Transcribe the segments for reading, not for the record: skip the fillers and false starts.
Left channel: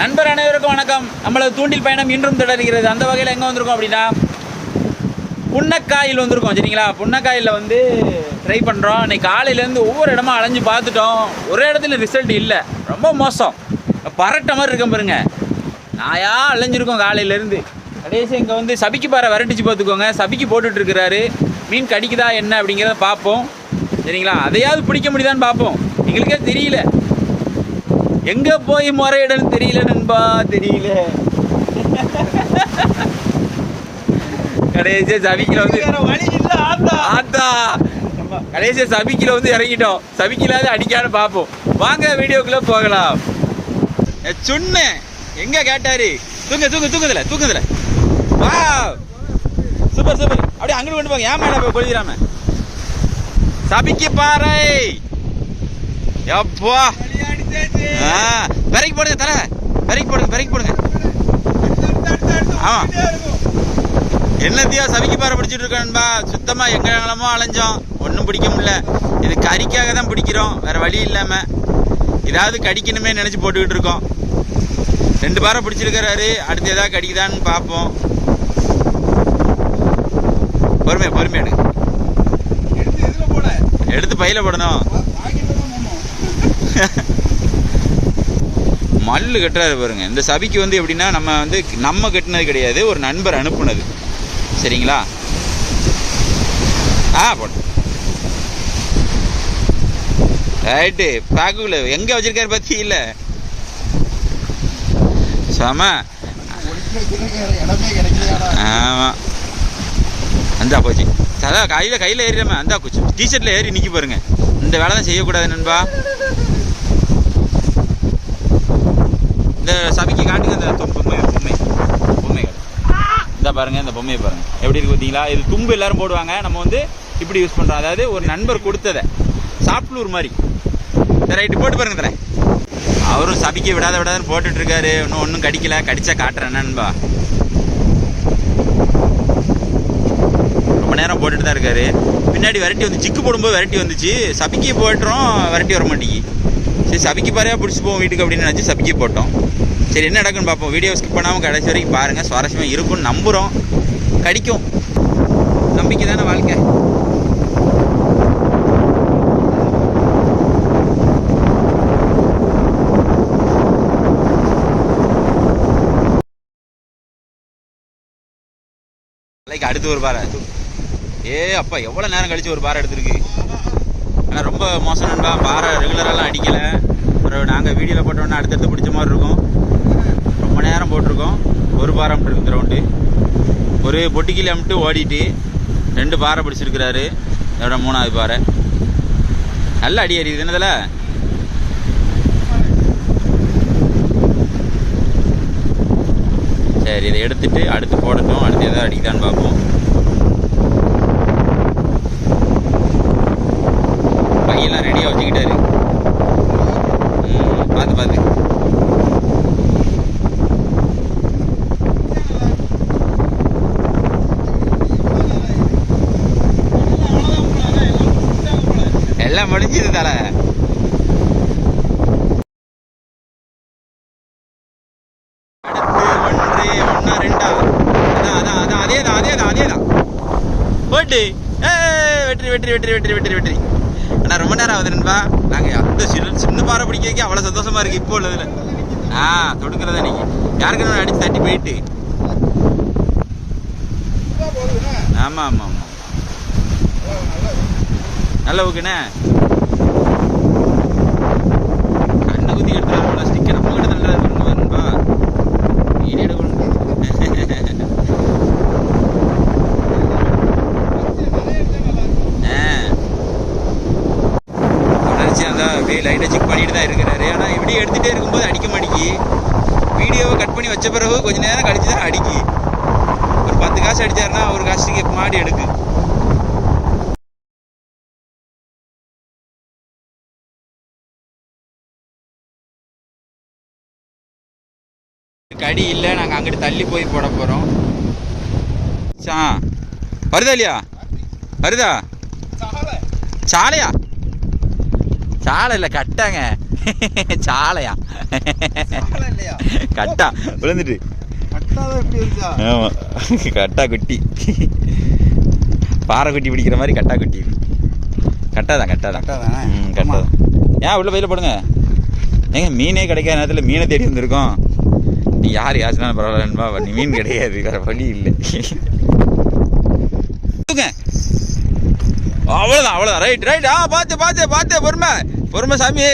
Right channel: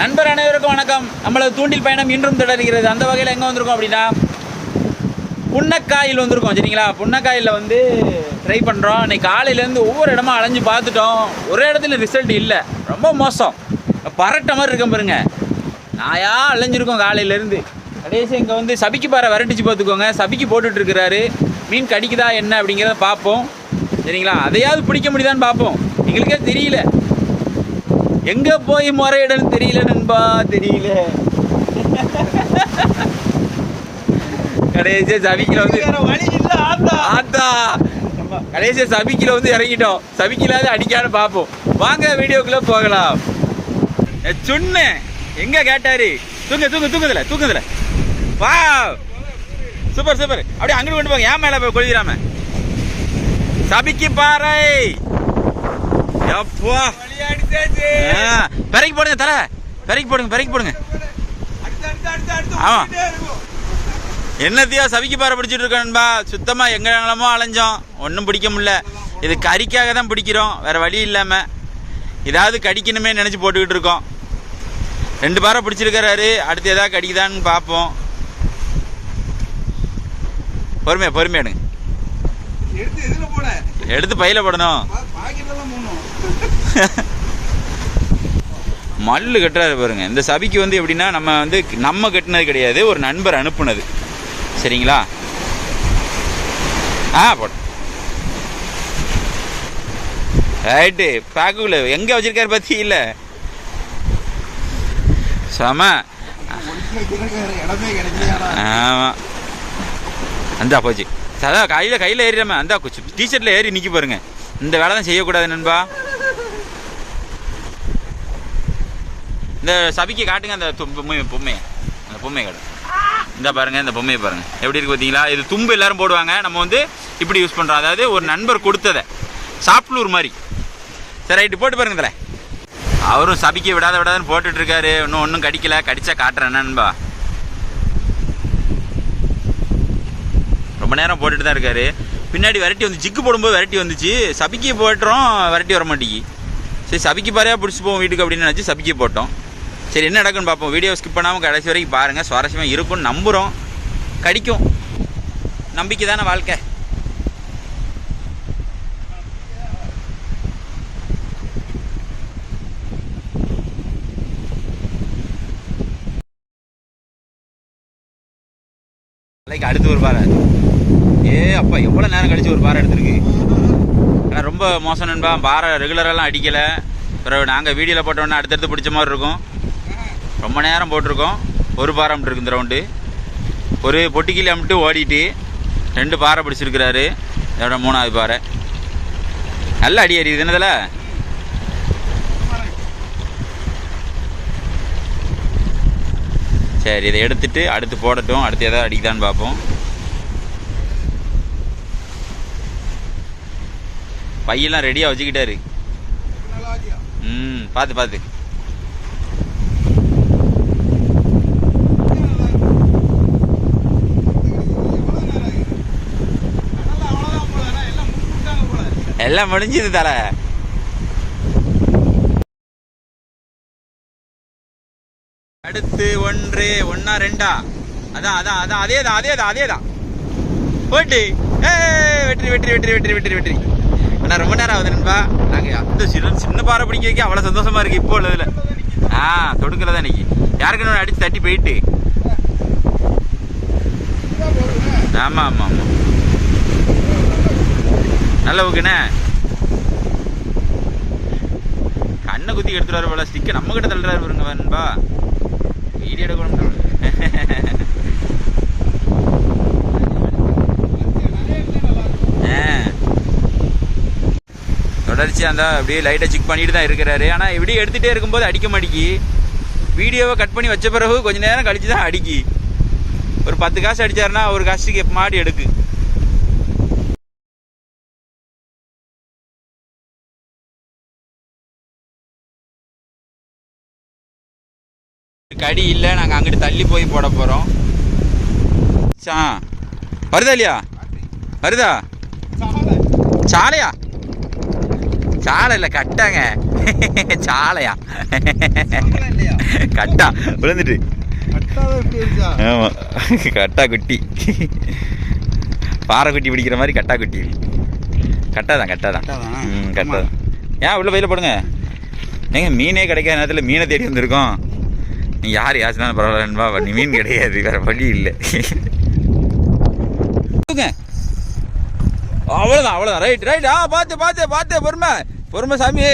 நண்பர் அனைவருக்கும் வணக்கம். நம்மளது தூண்டில் பயணம் இன்றும் தொடர்கிறது. அந்த வகையில் எங்கே வந்திருக்கோம் அப்படின்னா புன்னக்காயில் வந்திருக்கோம். சரிங்களா, புன்னக்காயில் வந்து ட்ரை பண்ணுறோம். இன்றைக்கி காலையிலேருந்து ஒவ்வொரு இடமா அலைஞ்சு பார்த்துட்டோம். ஒரே இடத்துல ரிசல்ட் இல்லை, ரொம்ப மோசம். பரட்ட மாதிரி இருக்க பாருங்க, நாயா அலைஞ்சிருக்கோம் காலையிலேருந்து. கடைசி இங்கே வந்து சபிக்கு பாறை விரட்டிச்சு பார்த்துக்கோங்க. சபிக்கு போட்டுட்ருக்கிறாரு. மீன் கடிக்குதா என்ன அப்படிங்கிறத பார்ப்போம். சரிங்களா, அதையாவது பிடிக்க முடியுதான்னு பார்ப்போம். எங்களுக்கே தெரியல, எங்கே போய் முறையிடன்னு தெரியல நண்பா, தெரியல. கடைசியாக சபிக்கில் வந்து ஆத்தா கடைசியாக சபிக்கில் வந்து இறங்கிட்டோம். சபிக்கிலாவது அடிக்கான்னு பார்ப்போம். வாங்க வீடியோக்குள்ளே போகலாம். சொன்ன எங்கே கேட்டாரு, தூங்குதுல வா, சூப்பர் சூப்பர். அப்படியே அங்கிட்டு கொண்டு போங்க, ஏன் மேலே போய் கொள்கிறாம. சபிக்கு பாறை எப்பா பெரைக்கு போடுங்க, தர பெரைக்கு போடுங்க. ஆமா, என்னத்தையோ சவிக்கு பாறை பிடிச்சிட்டு இருக்கோன்பா. சுத்தமா எங்கெல்லாமோ அலைஞ்சோம், ஒன்றும் பிடிக்க முடியல. இது கறிக்காக தான் பிடிக்கிறோம், வேற வழி இல்லாம. ஏதாவது கடிக்கணுமே நினைச்சு போட்டுக்கிட்டு இருக்கோம். 2 பாறை பிடிச்சிருக்கிறாரு. அடுத்து ஏதாவது கடிக்குதான்னு பார்ப்போம். பொறுமையா எடுத்து பையில போடணும். மல்லு கட்டுறாரு பாருங்க. இந்த சபிக்கு வந்து எப்படின்னா, நம்ம கட்டினது கிடையாது, ஒரு நண்பர் அனுப்புனது. சரிங்களா, போட ரைட்டு. பேக்குள்ள எங்க வச்சிருக்காரு பத்தி இல்ல, சம. ஆமா, அந்தா போச்சு. அதான் கையில் ஏறிடாம அந்த டிஷர்ட்ல ஏறி நிற்க பாருங்க. இந்த வேலை தான் செய்யக்கூடாது நண்பா. இந்த சபிக்கு காட்டுங்க அந்த பொம்மை கடை. இந்த பாருங்க, இந்த பொம்மையை பாருங்க எப்படி இருக்கு பார்த்தீங்களா. இது தும்பு எல்லாரும் போடுவாங்க, நம்ம வந்து இப்படி யூஸ் பண்ணுறோம். அதாவது ஒரு நண்பர் கொடுத்ததை, சாப்ட்லூர் மாதிரி. சரி ரைட்டு, போட்டு பாருங்க தர. அவரும் சபிக்க விடாதுன்னு போட்டுட்டு இருக்காரு. ஒன்றும் கடிக்கல, கடிச்சா காட்டுறேன் நண்பா. ரொம்ப நேரம் போட்டுட்டு தான் இருக்காரு. பின்னாடி விரட்டி வந்து ஜிக்கு போடும்போது விரட்டி வந்துச்சு. சபிக்கி போட்டுறோம், விரட்டி வர மாட்டேங்கி. சரி, சபிக்கி பாறையா பிடிச்சி போவோம் வீட்டுக்கு அப்படின்னு நினச்சி சபிக்கி போட்டோம். சரி, என்ன நடக்குன்னு பார்ப்போம். வீடியோ ஸ்கிப் பண்ணாமல் கடைசி வரைக்கும் பாருங்கள், சுவாரஸ்யமாக இருக்கும்னு நம்புகிறோம். கடிக்கும், நம்பிக்கை தானே வாழ்க்கை. அடுத்து ஒரு பாறை. அப்பா எவ்வளோ நேரம் கழிச்சு ஒரு பாறை எடுத்துருக்கு. ஆனால் ரொம்ப மோசம் நண்பா. பாறை ரெகுலரெல்லாம் அடிக்கலை. அப்புறம் நாங்கள் வீடியோவில் போட்டோன்னா அடுத்தடுத்து பிடிச்ச மாதிரி இருக்கும். ரொம்ப நேரம் போட்டிருக்கோம். ஒரு பாறை அமிட்டு இருக்கு இந்த ரவுண்டு. ஒரு பொட்டிக்கிளி அமிட்டு ஓடிட்டு 2 பாறை பிடிச்சிருக்கிறாரு. இதோட 3வது பாறை. நல்லா அடி அடிக்குது என்னதில். சரி, இதை எடுத்துட்டு அடுத்து போடட்டும். அடுத்து எதாவது அடிக்குதான்னு பார்ப்போம். பையெல்லாம் ரெடியாக வச்சுக்கிட்டாரு. பார்த்து எல்லாம் முடிஞ்சுது தலை. அடுத்து 1 2 அதான் அதேதான் போட்டு வெற்றி. ஆனால் ரொம்ப நேரம் ஆகுது நண்பா. நாங்கள் அந்த சின்ன பாறை பிடிக்க வைக்க அவ்வளோ சந்தோஷமா இருக்கு இப்போ உள்ளதுல. தொடுக்கிறதா இன்னைக்கு யாருக்கு அடிச்சு தட்டி போயிட்டு. ஆமாம் நல்ல ஓகேண்ணே. கண்ணை குத்தி எடுத்துறாரு போல. ஸ்டிக்கர் நம்ம கிட்ட தள்ளுறாரு பாருங்க நண்பா. வீடியோ எடுக்கணும். தொடர்ச்சி அந்த அப்படியே லைட்டை செக் பண்ணிட்டு தான் இருக்கிறாரு. ஆனால் இப்படி எடுத்துகிட்டே இருக்கும்போது அடிக்க மாட்டேங்கி. வீடியோவை கட் பண்ணி வச்ச பிறகு கொஞ்சம் நேரம் கழிச்சு தான் அடிக்கி. ஒரு 10 காசு அடித்தாருன்னா ஒரு காசுக்கு மாடி எடுக்கு. கடி இல்லை, நாங்கள் அங்கிட்டு தள்ளி போய் போட போகிறோம். வருதா இல்லையா? வருதா சாலையா? சாலை இல்லை கட்டாங்க. சாலையா கட்டா விழுந்துட்டு. ஆமா கட்டா குட்டி, பாறை குட்டி பிடிக்கிற மாதிரி கட்டா குட்டி. கட்டாதான் கட்டாதான் கட்டாதான். ஏன் உள்ள வெயில போடுங்க. ஏங்க மீனே கிடைக்காத நேரத்தில் மீனை தேடி வந்திருக்கோம். நீ யார் யாச்சுனாலும் பரவாயில்லன்பா, நீ மீன் கிடையாது, வேற வழி இல்லை. அவ்வளோதான் அவ்வளோதான். Right right. பார்த்து பார்த்து பார்த்து, பொறுமை பொறுமை சாமி.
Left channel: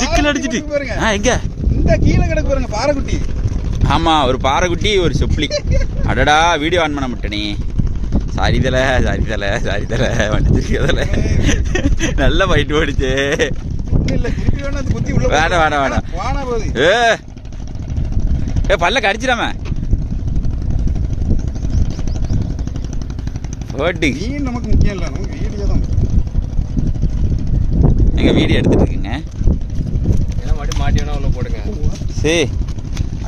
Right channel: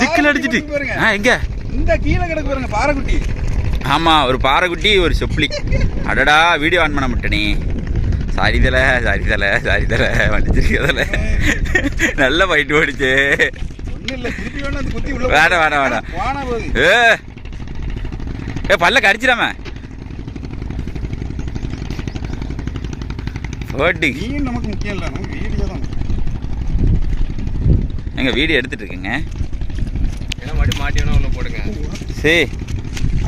ஜிக்கில் அடிச்சிட்டு எங்க இந்த கீழே கிடக்கு பாருங்க பாறைக்குட்டி. ஆமா ஒரு பாறைக்குட்டி ஒரு செப்ளி. அடடா வீடியோ ஆன் பண்ண மாட்டேனே. சாரி தலை சாரி தலை சாரி தலை வண்டிச்சிருக்கல. நல்ல பயிட்டு ஓடிச்சு. வேணாம் வேணாம் வேணாம். ஏ பல்ல கடிச்சிடாம ஓட்டு. நமக்கு முக்கியம் இல்லை, நமக்கு வீடியோ தான். எங்க வீடியோ எடுத்துட்டு இருக்குங்க. மாட்டினா உள்ள போடுங்க. சரி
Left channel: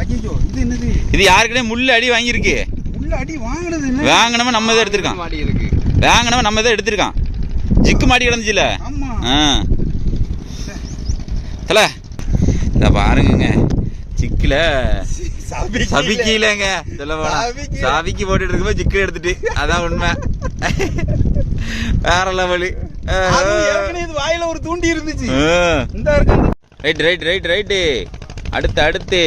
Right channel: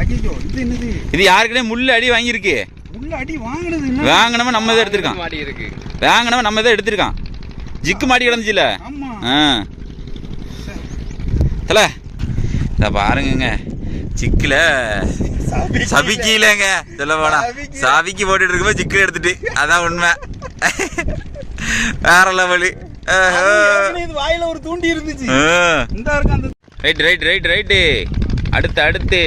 ஐயோ இது என்னது? இது யாருக்கிட்டே முள்ள அடி வாங்கியிருக்கு. முள்ள அடி வாங்கினது வாங்கினவன் நம்ம தான் எடுத்திருக்கான். மாடி இருக்கு. வாங்கினவன் நம்ம தான் எடுத்திருக்கான். ஜிக்கு மாட்டி கிடந்துச்சுல. ஆமா தல இத பாருங்க. சிக்கில சபிக்கலங்க சொல்ல போனா சாவிக்கு போட்டுட்டு இருக்கும்போது ஜிக்கில் எடுத்துட்டு, அதான் உண்மை. வேற லெவலு. வாயில ஒரு தூண்டி இருந்துச்சு. Right right right right. அடுத்து அடுத்து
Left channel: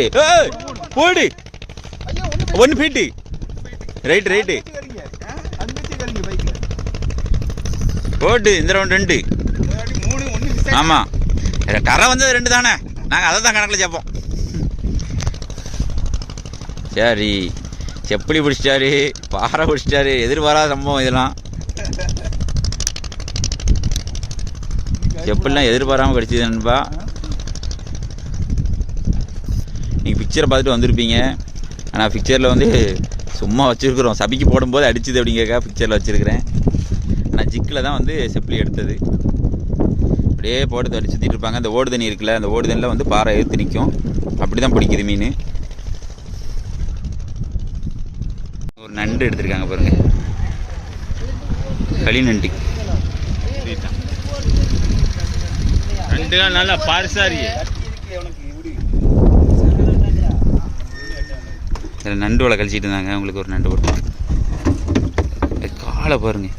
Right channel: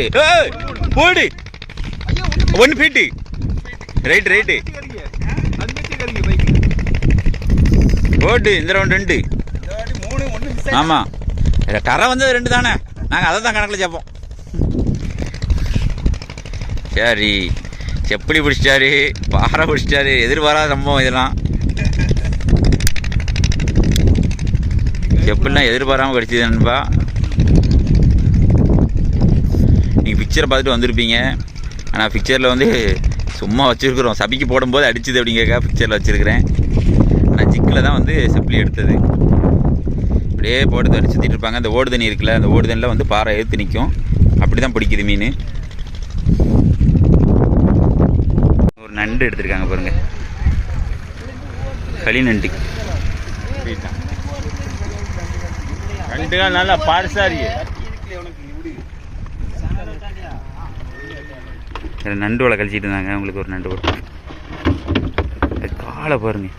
போடு 1 ஃபீட்டு. ரைட் ரைட்டு போடு. இந்த ரவுண்ட் 2. ஆமா கரை வந்தது 2 தானே. நாங்கள் அதை தான் கணக்கில் சேர்ப்போம். சரி செப்பலி பிடிச்சிட்டாரு, பாறை பிடிச்சிட்டாரு. எதிர்பாராத சம்பவம் இதெல்லாம். செப்பல்லாம் எதிர்பாராமல் கிடச்சிது நண்பா. நீங்கள் பிக்சரை பார்த்துட்டு வந்திருப்பீங்க. ஆனால் பிக்சரில் வந்து சும்மா வச்சுருக்குறோம். சபிக்கு போடும்போது அடிச்சுது அப்படிங்கக்கா பிக்சரில் வச்சுருக்கிறேன். ஆனால் ஜிக்கில் தான் வந்து செப்பலி எடுத்தது. அப்படியே போட்டு அடிச்சு சுற்றிட்டு இருப்பாங்க. அந்த ஓடு தண்ணி இருக்குல்ல, அந்த ஓடு தண்ணியில் வந்து பாறை எடுத்து நிற்கும். அப்படி தான் பிடிக்குது மீன். ஒரு நண்டு எடுத்திருக்காங்க பாருங்க, களி நண்டு. நல்லா பாரிசாரி நண்டு வலை கழிச்சிட்டு இருந்தாங்க. உங்களுக்கு ஒரு நண்டு கொடுத்தோம். காலை பாருங்க.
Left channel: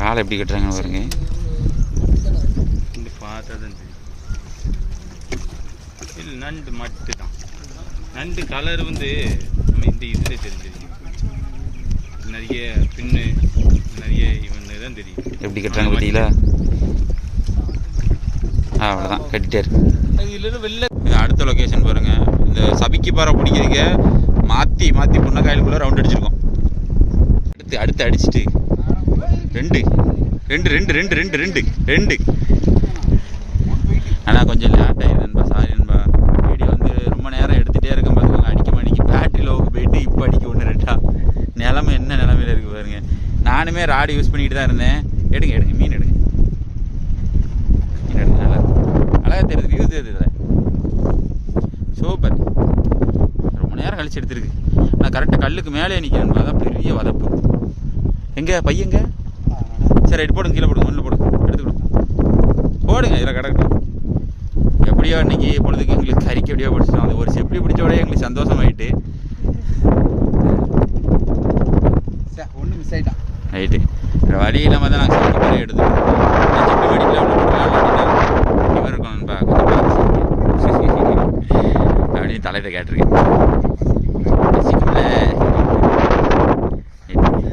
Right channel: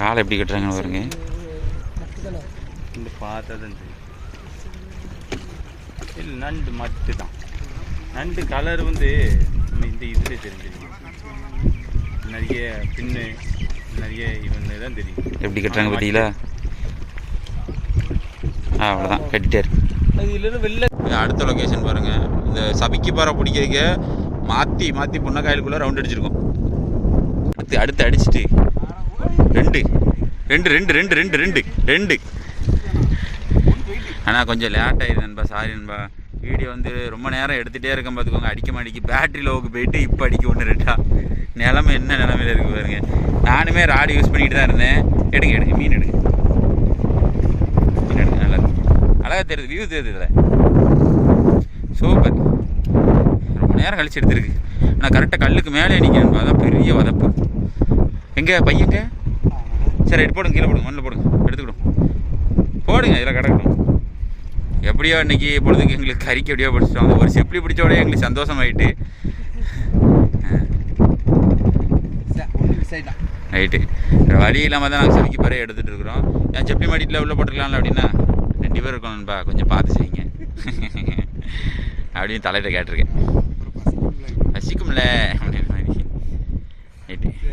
காலை எப்படி கட்டுறாங்கன்னு பாருங்க. பார்த்ததான் இல்லை நண்டு மட்டும் தான். நண்டு கலர் வந்து நம்ம இந்த இதில் தெரிஞ்சது. நிறைய பின்னு நிறைய இவங்க தான் தெரியும். எப்படி கட்டுறாங்க பார்த்தீங்களா? அவ்வளோதான் கட்டிட்டாரு. அடுத்த லொக்கேஷன் பாருங்க. இந்த சபிக்கு பாறை பிடிக்கிறதுக்கு மாற்றி மாற்றி புன்னக்காயலுக்குள்ளே ரவுண்ட் அடிச்சிருக்கோம். அடுத்து அடுத்து அடிச்சுட்டு 2 2 2 2 2 2 2. ஆனால் கொஞ்சம் லேட் ஆகிடுது நண்பா, சாரி நண்பா. வீடியோ வந்து ரொம்ப நேரம் எடுத்துகிட்டே இருக்கேன் பார்த்துக்கோங்க. அடிக்க மாட்டேங்கி பேட்டரி லோவுக்கு போயிட்டு இப்போ அடிக்க 1 2 நிலமை என்ன நிலமையில இருக்குது பாருங்க. நானுமே ராடு யூஸ் பண்ணிட்டு தான் இருந்தேன். எடுங்க எடுங்க மீன் எடுங்க, மீன் எடுங்க. நல்லா அழகாக தெரியுது, வியூ தெரியுது இதில். சூப்பர். ரொம்ப நேரம் கழிச்சு எடுத்துருக்கு. ஆனால் கரெக்டாக கல்லுக்கு மேலே நிற்கணும். அதான் பெரிய வதப்பு. எங்கே பையங்க? சரி ரைட் போடுங்க, கீழே போடுங்க, மண்ணில் போடுங்க, எடுத்துக்கணும் போடுங்க. இதில் கிடக்கணும். எப்படியோ இன்றைக்கி பொழுதுக்கு எங்களுக்கு கறிக்கு எப்படியோ பிடிச்சிட்டோம். அந்த ஒரு செப்படி பிடிச்சோடய எங்களுக்கு சந்தோஷமாயிட்டு. ரைட்டு வழி இல்லாமல் தான் நாங்கள் சமைக்க பாறையை எடுத்துகிட்டு இருக்கோம். நான் செப்பி மடிக்கில் உள்ள போட்டுக்கலாம் அப்படின்னா 2 பேர் இருக்கணும்பா, கொஞ்சம் பார்த்து செய்யுங்க அப்படின்னு தலையிட்ட கேட்டிருக்கேன். ரசிக்கும்ல.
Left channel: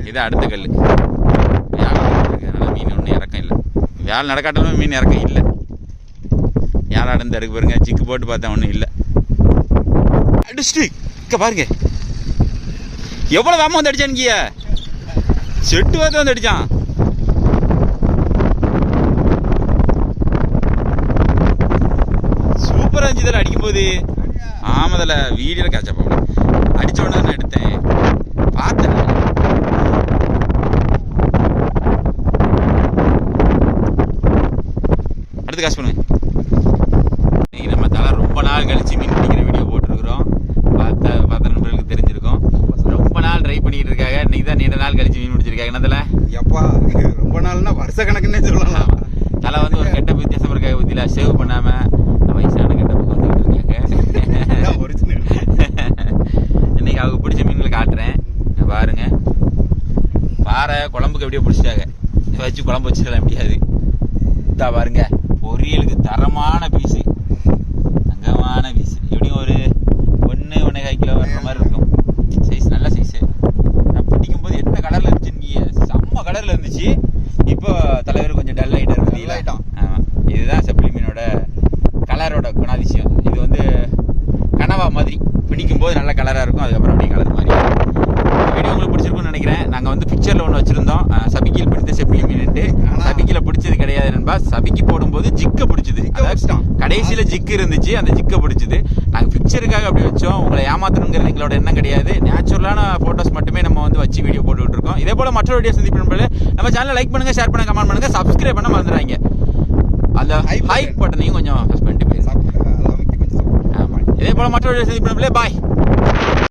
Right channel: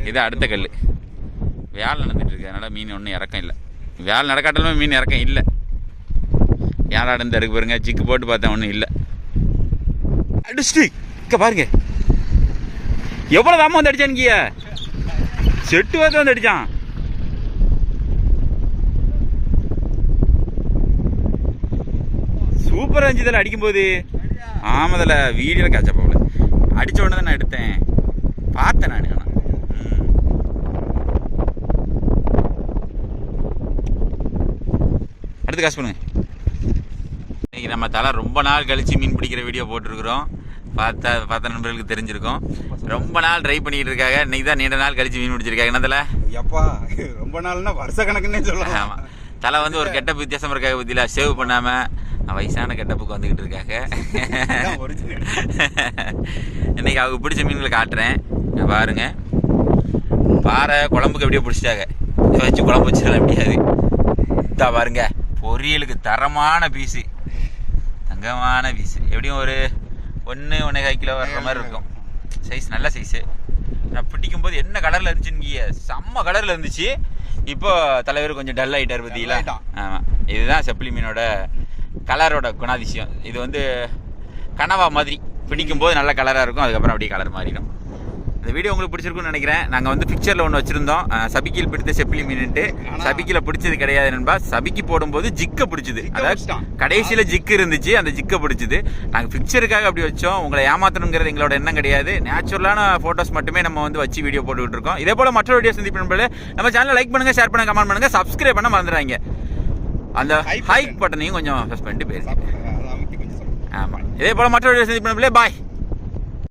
இது அடுத்த கல். வேலை நடந்துட்டுருக்கு, அதனால் மீன் ஒன்றும் இறக்கம் இல்லை. வேலை நடக்காட்டாலுமே மீன் இறக்கம் இல்லை. யாரா நடந்து இருக்கு பாருங்க. சிக்கு போட்டு பார்த்தேன், ஒன்றும் இல்லை. அடிச்சுட்டு இங்கே பாருங்க எவ்வளோ வேகமாக வந்து அடிச்சானுங்கிய. செட்டு பார்த்து வந்து அடித்தான். சூப்பராக இருந்துச்சு இதில் அடிக்கும்போது. ஆமாதில் வீடியோவில் கேட்ச போகல. அடித்த உடனே தான் நான் எடுத்தேன், பார்த்தேன் நான். அடுத்து காசு பண்ணுங்க. இன்னைக்கு நம்ம தலை ரொம்ப நாள் கழிச்சு மீன் பிடிக்கிற வீடியோ போட்டிருக்கிறோம். பார்த்த நண்பர்களுக்கு தெரிஞ்சிருக்கும். ரொம்ப நாள் ட்ரை பண்ணிக்கிட்டு இருக்காங்க. இன்னைக்கு தான் நீண்ட நாள் கழிச்சு மீன் பிடிச்சிருக்காங்க. என்ன தலை? எப்பா ரொம்ப நாள்னா வருஷ கணக்குன்னே சொல்லலாம். ஆமாம், தலை வந்து ஒரு கெட்ட வித்தியாசம் இருக்காங்க. பற்றியில் சேவ் பண்ணாமல் வயசான கெட்டப்புக்கு வந்துக்கிட்டு இருக்காங்க. இன்னைக்கு அவங்க பிடிச்ச மீன்களை காட்டுறேன் பாருங்க. பாறை குழம்புக்கு எப்படியோ பிடிச்சிட்டாங்க. இதை வச்சு குழம்பு வச்சிடலாம் முடியாது. இதா பாருங்க, பொரியலுக்கு தரமான பீஸு, தங்கமான பீஸு. எப்படியும் ஒரு 1.5 கிலோ வர்ற மாதிரி இருக்கும். சைஸ் நல்ல சைஸு. நான் பிடிக்கும்போது என்ன கலரில் இருந்துச்சுன்னு, செம்ம கலரில் இருந்துச்சு. இப்போ தலைவர் கொஞ்சம் டல் ஆகிட்டார் பார்த்தீங்களா? ஆமாம், இதுதான் செப்பிலி மீனோட கலரோட குணாதிசயம். இது வந்து கனவா மாதிரி பிடிக்கும்போது நல்ல கலராக இருக்கும், அதுக்கப்புறம் அப்படியே கலர் மாதிரி. இந்த வீடியோ உங்களுக்கு பிடிச்சிருக்குன்னு நினைக்கிறேன். நாங்கள் வந்து பிக்சரில் ஒன்று வச்சுருந்தோம், சபிக்கில் பிடித்த செப்பிலி மீன்ட்டு. சபிக்கில் பிடிச்சது கிடையாது நண்பா. சபிக்கு போடும்போது ஜிக்கை பிடிச்சிது. அதாவது கடைசியில் ஜிக்கு இருந்துச்சு, அந்த ஜிக்கை பிடிச்சிது. நாங்கள் பிக்சருக்காக அப்படி வச்சோம். உங்களை ஏமாத்தணுங்கிறது எங்களோட எண்ணம் கிடையாது. நேச்சுரலான ஃபோட்டோஸ் மட்டுமே நம்ம வந்து வச்சு வீடியோ போட்டுக்கிட்டு இருக்கோம். இதே போல் மற்ற வீடியோ சந்திப்பு நம்ம சேனலை லைக் பண்ணுங்கள், ஷேர் பண்ணுங்கள், கமெண்ட் பண்ணுங்கள், சப்ஸ்கிரைப் பண்ண மறந்துடுறாங்க. அந்த ஹைக் பட்டனையும் கொஞ்சம் ப்ரெஸ் பண்ணிட்டு போயிருங்க. ஆமாம், இதே போல் மற்ற வீடியோ சந்திப்பு பாய்.